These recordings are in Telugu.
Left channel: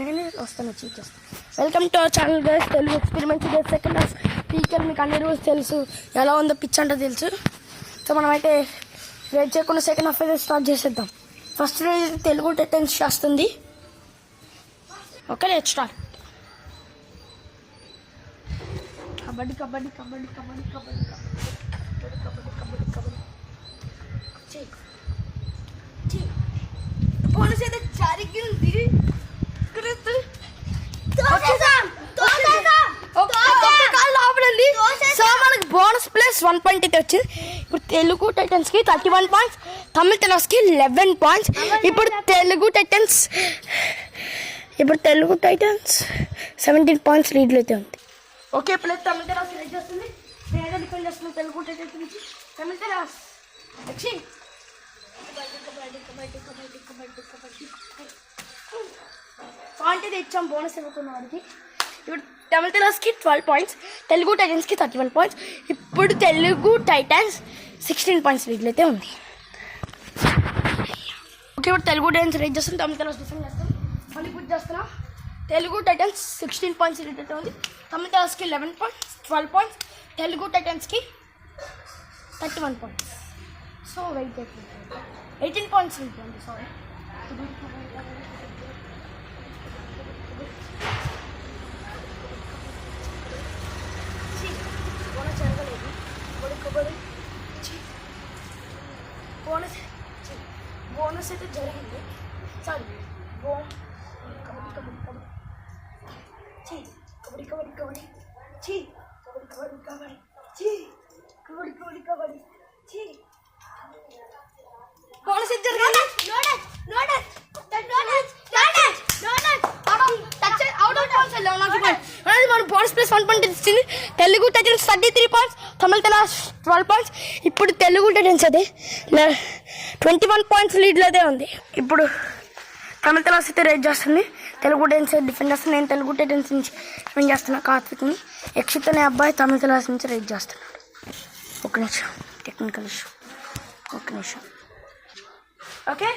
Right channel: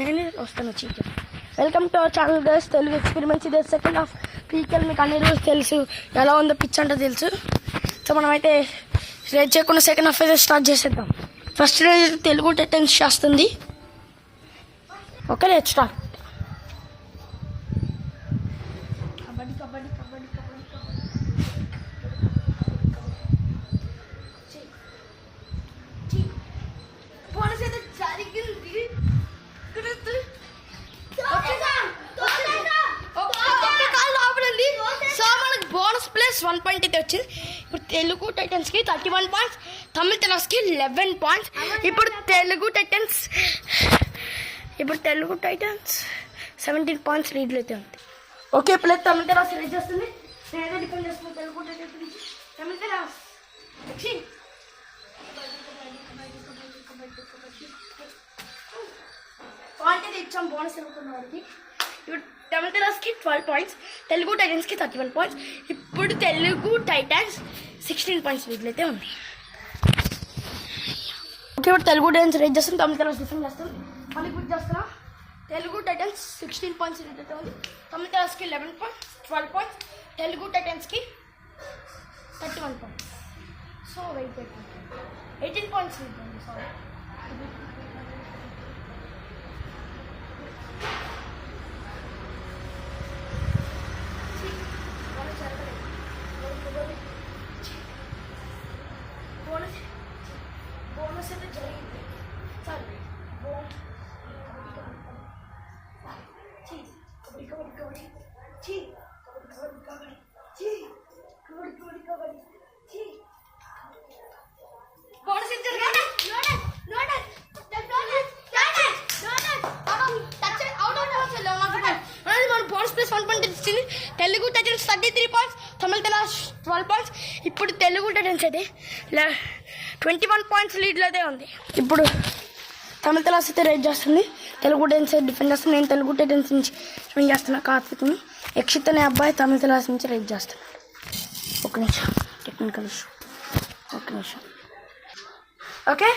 నేనే వస్తాను chief. Welcome to our channel guys. Telugu experiments day second half పీకల్ మీకు అన్ని రోజు తెలుసు ఎలా ఉందో పిచ్ అంటే తెలుసు. సో మనమైతే లేట్ చేయకుండా సెకండ్ హాఫ్ అయితే స్టార్ట్ చేసేద్దాం. ఫస్ట్ రోజు తెలుగు టైటన్స్ చేస్తుంది. Okay let's start. Kabaddi kabaddi kabaddi kabaddi kabaddi police అయితే జరిగింది. సో మనకి బోనస్ ప్లస్ 1 పాయింట్ అయితే వచ్చింది. ఇప్పుడు తెలుగు టైటన్స్ కి 31 పాయింట్స్, తమిళ టైటన్స్ కి 11 పాయింట్స్. ఇప్పుడు తెలుగు టైటన్స్ 17 పాయింట్స్ లీడ్ అయితే ఉంది. ఓకే ప్లస్ తమిళ టైటన్స్ లీడ్ చేస్తుంది. నేనే డిఫెండ్ చేస్తున్నాను తెలుగు టైటన్స్ నుంచి. తమిళ టైటన్స్ పాయింట్ అయితే ఇచ్చాం బోనస్ ఇవ్వకున్న వారికి. ఇప్పుడు తమిళ టైటన్స్కి 12 పాయింట్స్, తెలుగు టైటన్స్కి 31 పాయింట్స్. ఇప్పుడు తెలుగు టైటన్స్ 16 పాయింట్స్ లీడ్లో అయితే ఉంది. ఓకే ఇప్పుడు తెలుగు టైటన్స్ రేట్ చేస్తాం, తమిళ టైటన్స్ డిఫెండ్ చేస్తాం. మళ్ళీ పూర్తి చేస్తున్నాం. తెలుగు టైటన్స్ 16 పాయింట్స్ లీడ్ అయితే ఉంది. తమిళ టైటన్స్కి 11 పాయింట్స్, 12 పాయింట్స్. తెలుగు టైటన్స్కి 31 points. So wait 18 points lead ఉంది. సారీ బోనస్ అయితే జరిగింది. సారీ కబడ్డీ కబడ్డీ కబడ్డీ కబడ్డీ కబడ్డీ కబడ్డీ కబడ్డీ కబడ్డీ కబడ్డీ కబడ్డీ బోనస్ అయితే జరిగింది. మన బోనస్ ప్లస్ 1 పాయింట్ ఇచ్చింది. Telugu Titans 33 points, Tamil Titans 12 points. ఇప్పుడు తెలుగు టైటన్స్ అయితే 21 పాయింట్స్ లీడ్లో అయితే ఉంది. ఇప్పుడు తమిళ టైటన్స్ అయితే రేట్ చేస్తుంది, తెలుగు టైటన్స్ డిఫెండ్ చేస్తుంది. నేను తెలుగు టైటన్స్ నుంచి డిఫెండ్ చేస్తున్నా. కార్తిక్ని యక్షిత్ అనే అబ్బాయి తమిళ టైటన్స్ నుంచి రేట్ చేస్తున్నాడు. ఒక నిమిషం, టెక్నికల్ ఇష్యూ. ఒక నిమిషం. ఓకే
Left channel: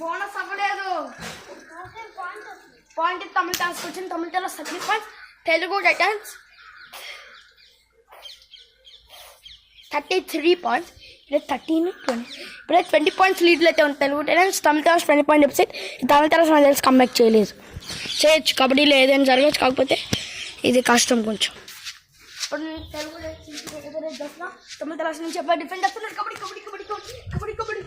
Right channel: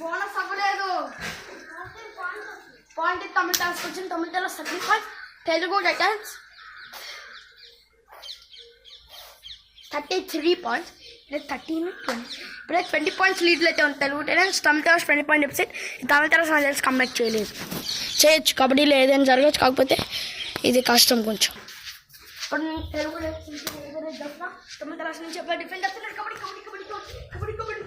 బోనస్ అవ్వలేదు. పాయింట్ తమిళ టైటన్స్ వచ్చింది. Tamil Titans 30 points, Telugu Titans 33 points. ఇప్పుడు 13 20 ఇప్పుడు 20 పాయింట్స్ లీడ్లో అయితే ఉంది Telugu Titans. Tamil Titans 20 point ఎపిసెట్. తమిళ టైటన్స్ నాకు తెలిసి కంబ్యాక్ చేయొచ్చు. కబడ్డీలో ఏదైనా జరగచ్చు, కాకపోతే ఇది కష్టం కొంచెం. ఇప్పుడు తెలుగు తమిళ టైటన్స్ నుంచి డిఫెండ్ చేస్తున్నారు. Kabaddi kabaddi kabaddi kabaddi kabaddi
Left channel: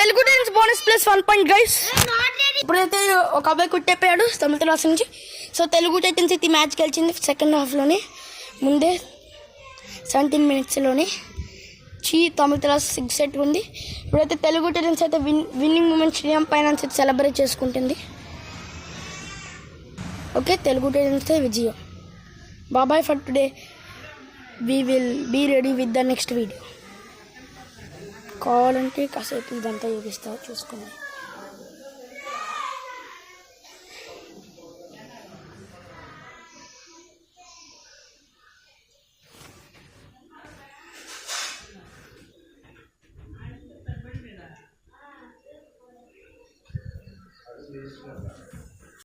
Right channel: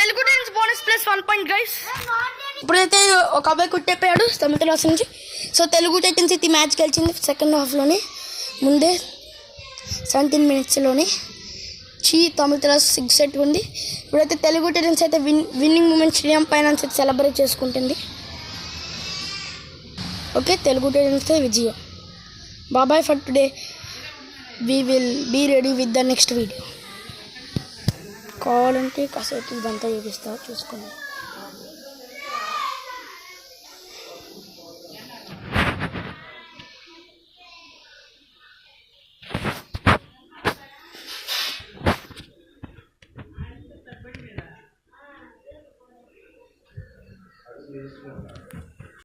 Telugu Titans bonus plus 1 point guys. ఇప్పుడైతే ఒక అబ్బాయి కుట్టేపోయాడు తమిళ టైటన్స్ నుంచి. సో తెలుగు టైటన్స్ అయితే మ్యాచ్ గెలిచింది సెకండ్ హాఫ్లోనే, ముందే 17 మినిట్స్లోనే. తమిళ టైటన్స్ 6 సెట్ ఉంది. ఇప్పుడైతే తెలుగు టైటన్స్ అయితే విన్నింగ్ మూమెంట్ శ్రీరామ్ ఫైనాన్స్ అయితే సెలబ్రేట్ చేసుకుంటుంది. ఓకే తెలుగు టైటన్స్ విజయం. Bye bye for today. We will be ready with the next video. కావాలంటే కాసేపు ఇదంతా చూపిస్తారు, చూసుకున్నాం. Gracias.